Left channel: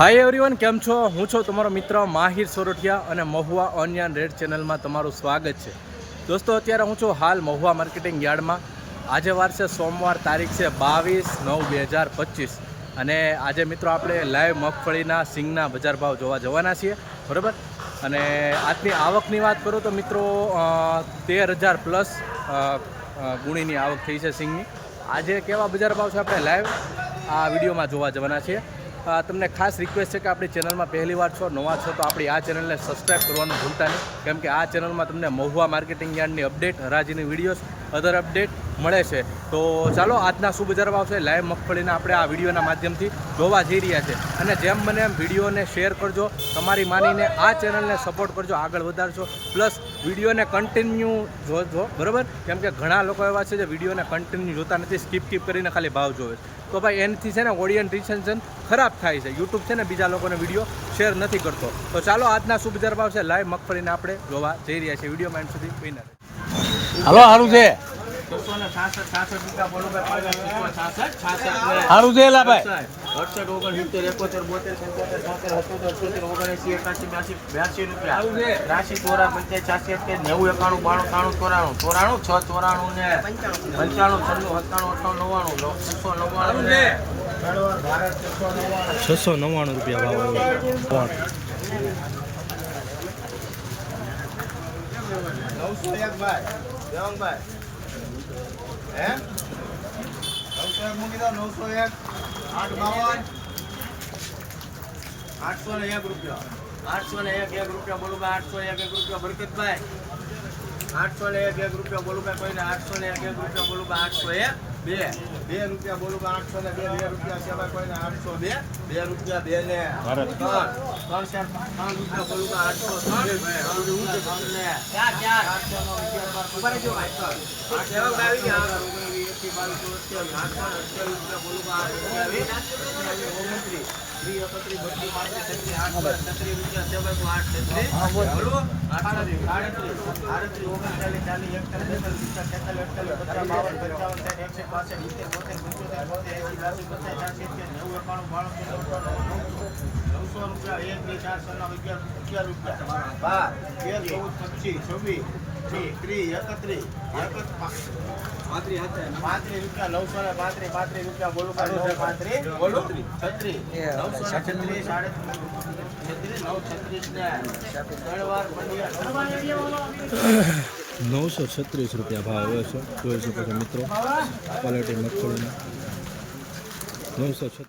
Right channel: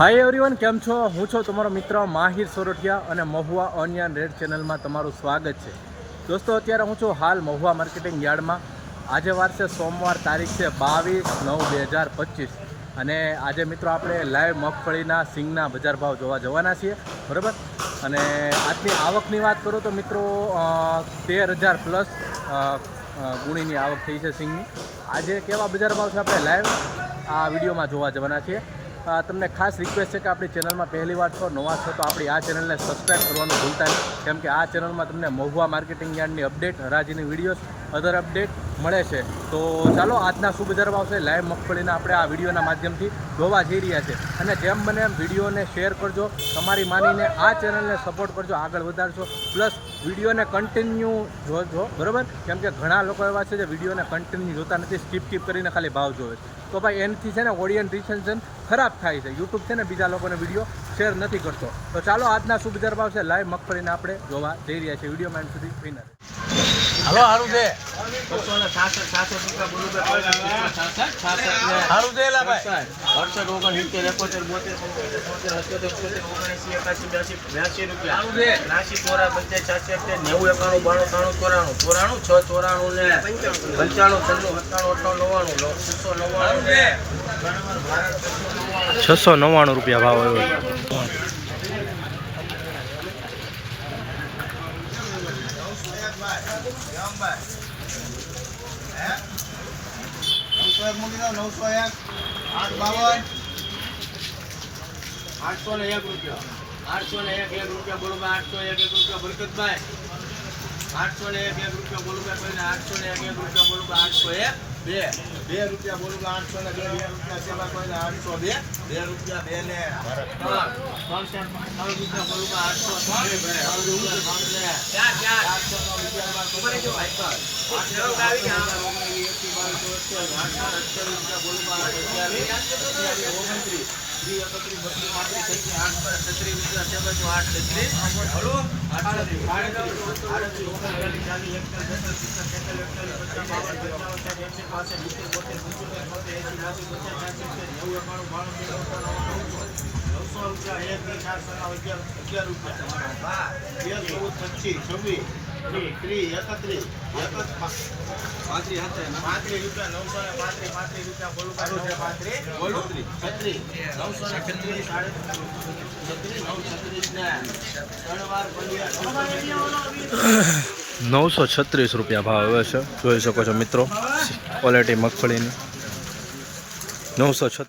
Hi everyone કેમ છો? હું છું તમારો મિત્ર માહિર સોરઠિયા અને મહુવા ઓનિયન રેડ ચેનલમાં તમારું સ્વાગત છે. દોસ્તો, અત્યારે હું છું હાલ મહુવા માર્કેટિંગ યાર્ડમાં. આજે વાર છે સોમવાર, તારીખ છે બાવીસ નવ બે હજાર પચીસ. અને આજે મિત્રો આપણે લાઈવ મગફળીના સિંગના બજાર ભાવ જોવા જવાના છીએ, બરાબર? અને આજની આવકની વાત કરું તો મિત્રો તેર હજાર પ્લસ ગુણીની આવક થઈ છે સિંગની. આજે કેવા બજાર ભાવ છે આપણે લાઈવ? આ વિડીયોમાં જોવા જવાના છીએ. તમને ખાસ રિક્વેસ્ટ છે કે આપણી ચેનલમાં પહેલી વાર છો, નવા છો, તો આપણી આ ચેનલને સબસ્ક્રાઈબ કરવાનું ભૂલતા નહીં. કેમ કે આ ચેનલમાં તમને મહુવા માર્કેટિંગ યાર્ડની અપડેટ હરાજીની વિડીયોઝ અધર અપડેટ મળે છે. તો ચાલો, આજના શું બજાર ભાવ લાઈવ મગફળીના આપણે આ વિડીયોના માધ્યમથી જોવા જઈ રહ્યા છે. અને જેમ બને એમ વિડીયોને શેર કરજો, તમારી માનીને આ ચેનલને સપોર્ટ કરજો, આગળ વધારજો પ્લસ વિડીયોને કન્ટિન્યુ જોજો, બરાબર? કેમ કે ઘણા લોકો એવા છે જે વિડીયોને કન્ટિન્યુ જોતા નથી સ્કીપ સ્કીપ કરીને ખાલી ભાવ જોવે છે. તો ભાઈ એનાથી છે ને ઓડિયન્સ રિસેન્શન ખરાબ થાય છે. યુટ્યુબ છે ને બીજા લોકોને વીડિયો શેર નથી કરતો. તો ચાલો આજના શું બજાર ભાવ છે લાઈવ મગફળીને આપણે જોવા જઈ રહ્યા છીએ. વિડીયોમાં એન્ડ સુધી વિનર હલો સારું છે. બસો ને છાસઠ છાસઠ રૂપિયા પાંચ છાસઠ છાસઠ સારું છે ભાઈ. અડસઠ ઓગણ સિત્તેર એકોતેર બોતેર પંચોતેર છોતેર અઠ્યોતેર ઓગણએંસી એકાસી બ્યાસી બ્યાસી રૂપિયા. સારું ચોરા પંચાસ છ્યાસી નેવું એકાણું બાણું ત્રાણું ચોરાણું. ચોરાણું? છ ચોરાણું ને પંચાણું. છન્નું સત્તાણું અઠાણું નવ્વાણું. છસો નવ્વાણું ને છસો નવ્વાણું રૂપિયા ભાવ આવ્યો નવસો એક ભાઈ જયંગભાઈ હે નવસો એક મૂકી દો, નવસો એક, આઠ બાવન. આઠસો ને એક રૂપિયા. આઠસો ને એક એક રૂપિયા બોલું ભાઈ, આઠસો એક એક રૂપિયા બરકતભાઈ આઠસો ને એક એક રૂપિયા બોલું ભાઈ, કોઈને આઠસો ને એક એક રૂપિયા બોલું ભાઈ, આઠસો એક. બે બે રૂપિયા બોલું આઠસો ને બે બે રૂપિયા કોઈને આઠસો બે બે રૂપિયા બે ને ત્રણ ત્રણ રૂપિયા બોલું આઠસો અગિયાર આઠસો ને અઠ્યાવીસ ઓગણત્રીસ. ત્રીસ એકત્રીસ, બત્રીસ, પાંત્રીસ આઠ બાર છત્રીસ રૂપિયા છે તો આઠ છત્રીસ? આડત્રીસ. આડત્રીસ, ઓગણચાલીસ, ચાલીસ એકતાલીસ. નવસો રૂપિયા એક બે ચાર છ અગિયાર રૂપિયા હા તેર ચૌદ પચીસ છવ્વીસ ત્રીસ એકત્રીસ એકત્રીસ પાંત્રીસ રૂપિયા નવસો ને પાંત્રીસ પાંત્રીસ રૂપિયા બોલો પાંત્રીસ છત્રીસ નવસો છત્રીસ સાડત્રીસ છત્રીસ નવ છત્રીસ ને ત્રણ વાર પંદર નવસો છત્રીસ રૂપિયા ભાવ આવ્યો છે. જોઈ શકો છો મિત્રો ક્વોલિટી મગફળીની. નવસો છત્રીસ.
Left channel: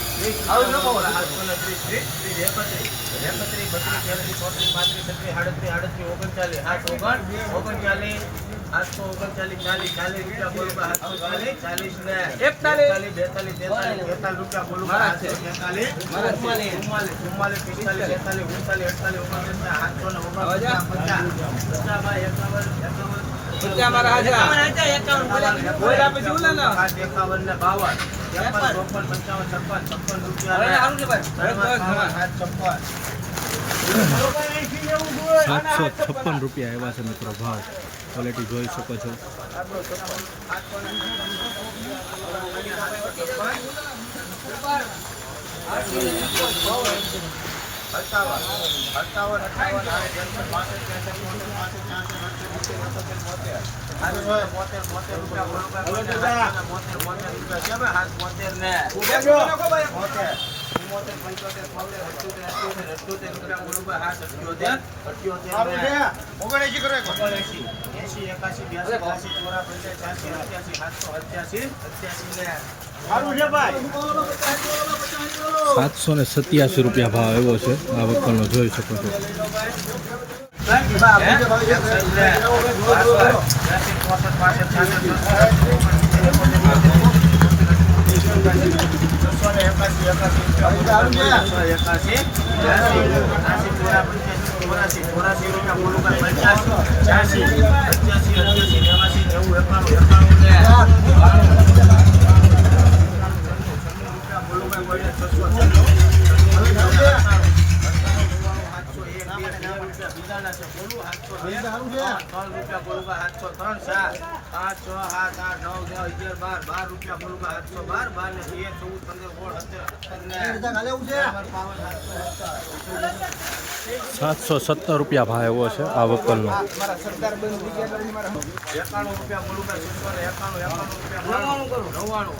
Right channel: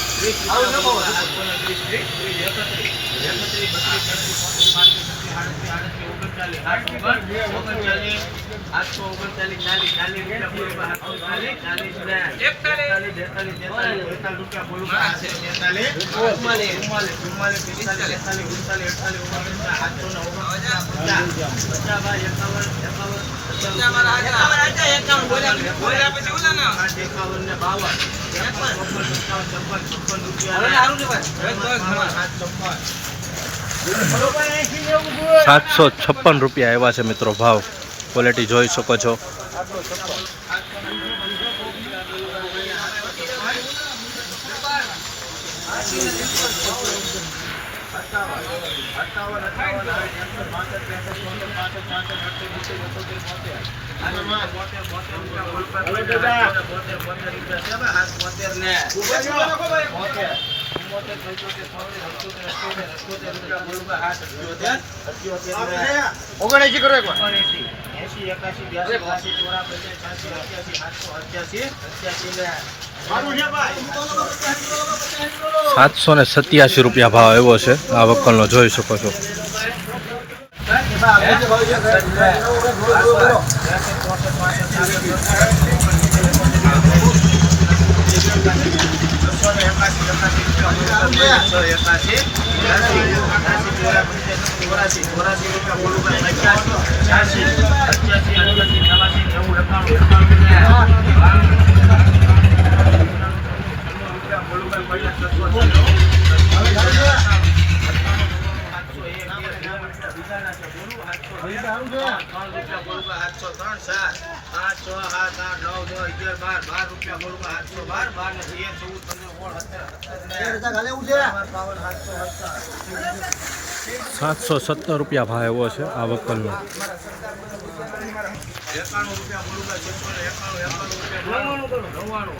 ઓગણચાલીસ ચાલીસ ચાલીસ રૂપિયા બોલો આઠસો ચાલીસ ચાલીસ એકતાલીસ બેતાલીસ તેતાલીસ બેતાલીસ રૂપિયા બોલો આઠસો તેતાલીસ ચુમ્માલીસ ચુમ્માલીસ ચુમ્માલીસ પિસ્તાલીસ તેતાલીસ ઉનતાલીસ અડતાલીસ ઓગણપચાસ આઠસો ને ઓગણપચાસ પચાસ પચાસ બાય એકાવન એકાવન સાતસો છપ્પન રૂપિયા એવા છે મિત્રો ભાવ. ક્વોલિટી જોઈ શકો છો. અઠાવન અઠાવન અઠાવન એકસો પાંસઠ ત્રેસઠ ચોસઠ પાંસઠ છાસઠ અડસઠ એકોતેર બોતેર બોતેર બોતેર બોતેર બોતેર બોતેર રૂપિયા બોતેર બોતેર ઓગણએંસી એંસી એકાસી બ્યાસી ત્યાસી ચોરા પંચાસ છ્યાસી અઠ્યાસી સાતસો અઠ્યાસી અઠ્યાસી ને સાતસો સત્યાસી રૂપિયા ભાવ એવો છે આ વકલનો જોઈ શકો છો છસો ને એકાસી એકાસી રૂપિયા છસો એકાસી ચોરાસી ચોરાસી પંચ્યાસી છ્યાસી અઠ્યાસી અઠ્યાસી બાર રૂપિયા બોલું આઠસો સાતસો બાર બાર ને તેર ચૌદ પંદર સોળ સત્તર સત્તર સાતસો સત્તર. સાતસો સત્તર રૂપિયા ભાવ એવો છે આ વકલનો. એકાણું રૂપિયા બોલું એકાણું એકાણું રૂપિયા નવ્વાણું નવ્વાણું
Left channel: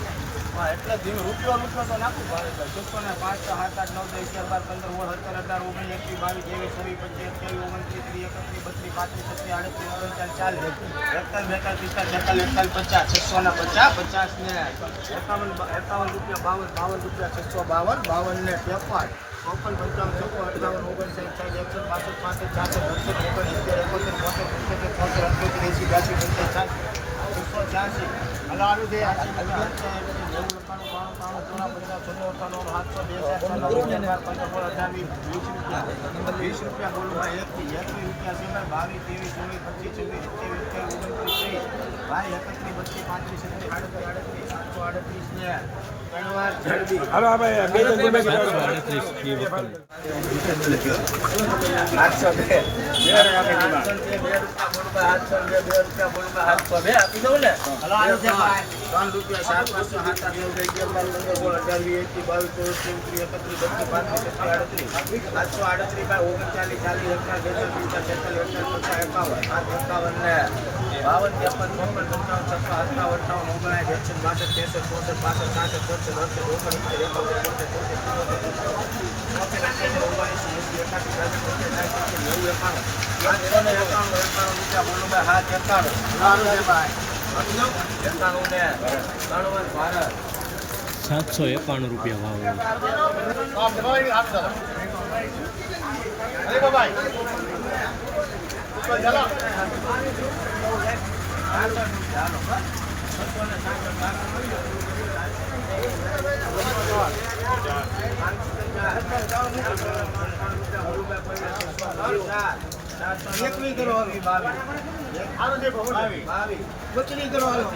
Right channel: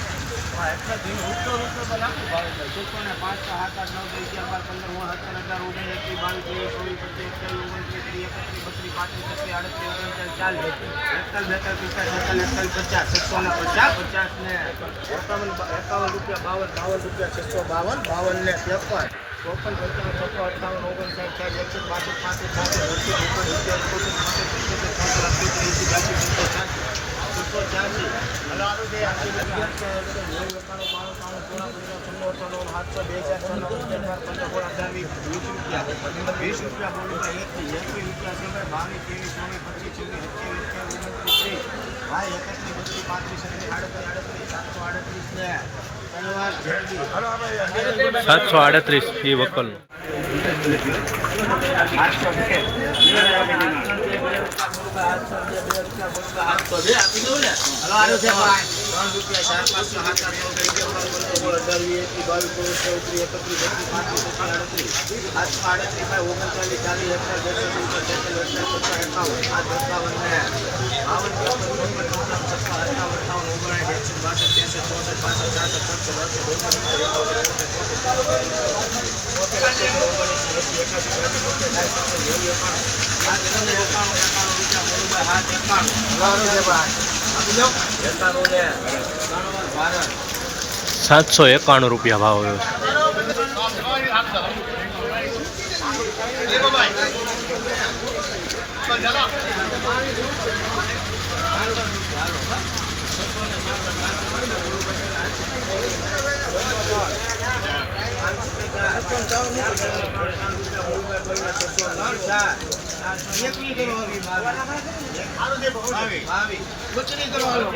સાતસો બે ત્રણ ચાર પાંચ છ સાત આઠ નવ દસ અગિયાર બાર પંદર સોળ સત્તર અઢાર ઓગણીસ વીસ એકવીસ બાવીસ ત્રેવીસ ચોવીસ ને રૂપિયા પચીસ પચીસ અઠ્યાવીસ ઓગણત્રીસ ને ને એકત્રીસ બત્રીસ પાંત્રીસ છત્રીસ આડત્રીસ ઓગણચાલીસ ને ઘણીવાર પાવર સાતસો ને ઓગણચાલીસ પચાસ ભાવ આવે છે મિત્રો બંને હારે છે ભાઈ આ વખત હરાજી થાય છે એક સાથે સાતસો ને છત્રીસ રૂપિયા ભાવ આવે છે આ વખતનો બાવન બાવન ને ત્રેપન ચોપન પંચાવન છપ્પન અઠાવન ઓગણસાઠ સાઠ એકસઠ બાસઠ પાસઠ બાસઠ એકોતેર, એકોતેર, બ્યાસી, ત્રેસઠ, છસો છ્યાસી. વીસ, રૂપિયા. વીસ રૂપિયા બોલું ભાઈ એકથી એકવીસ રૂપિયા ભાઈ બાવીસ ત્રેવીસ ચોવીસ પચીસ છવ્વીસ સત્યાવીસ અઠ્યાવીસ ઓગણત્રીસ ત્રીસ ભાઈ એકત્રીસ બસો પાંત્રીસ છત્રીસ આડત્રીસ આડત્રીસ સાતસો આડત્રીસ ને સાતસો આડત્રીસ એ વકલ. આડત્રીસ બાવન ત્રેપન ચોપન પંચાવન છપ્પન અઠાવન અઠાવન ઓગણસાઠ એકસઠ બાસઠ ત્રેસઠ ચોસઠ પાસઠ છાસઠ એકાસી ભારત સાતસો એકાણું રૂપિયા ભાવ આવ્યો છે. એકવીસ કરો ઘણું આગું છે ઘણું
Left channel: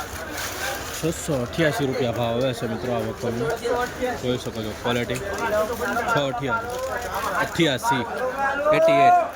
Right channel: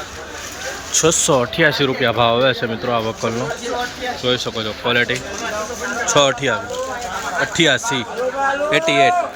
છે બાબા બેતાલીસ બેતાલીસ બેતાલીસ છસો અઠ્યાસી રૂપિયા ભાવ આવે છે મિત્રો આ વકલનો જોઈ શકો છો ક્વોલિટી છ અઠ્યાવીસ અઠ્યાસી એટી એટ